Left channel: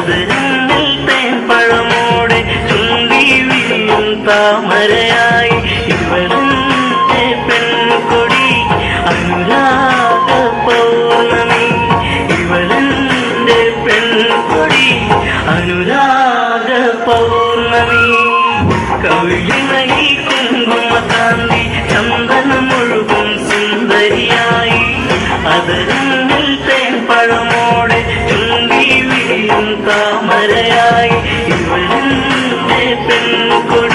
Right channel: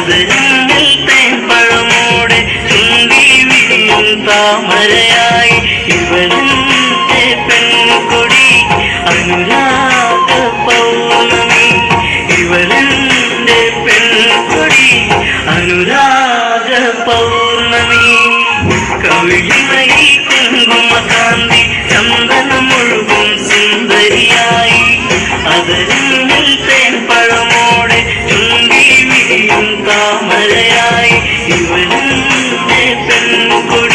അതിരങ്ങൾ തേൻപഴമോടെ ചുണ്ടി വിരിയും താമരയായി ഇവളെന്റെ പെൺകൊടി അനുരാഗ പൗർണമി ഇവളെന്റെ പെൺകൊടി അനുരാഗ പൗർണമി കവിളിമയി കുങ്കുമകാന്തി ചന്ദനമൊഴുകും സുന്ദരിയായി അതിരങ്ങൾ തേൻപഴമോടെ ചുണ്ടി വിരിയും താമരയായി ഇവളെന്റെ പെൺകൊടി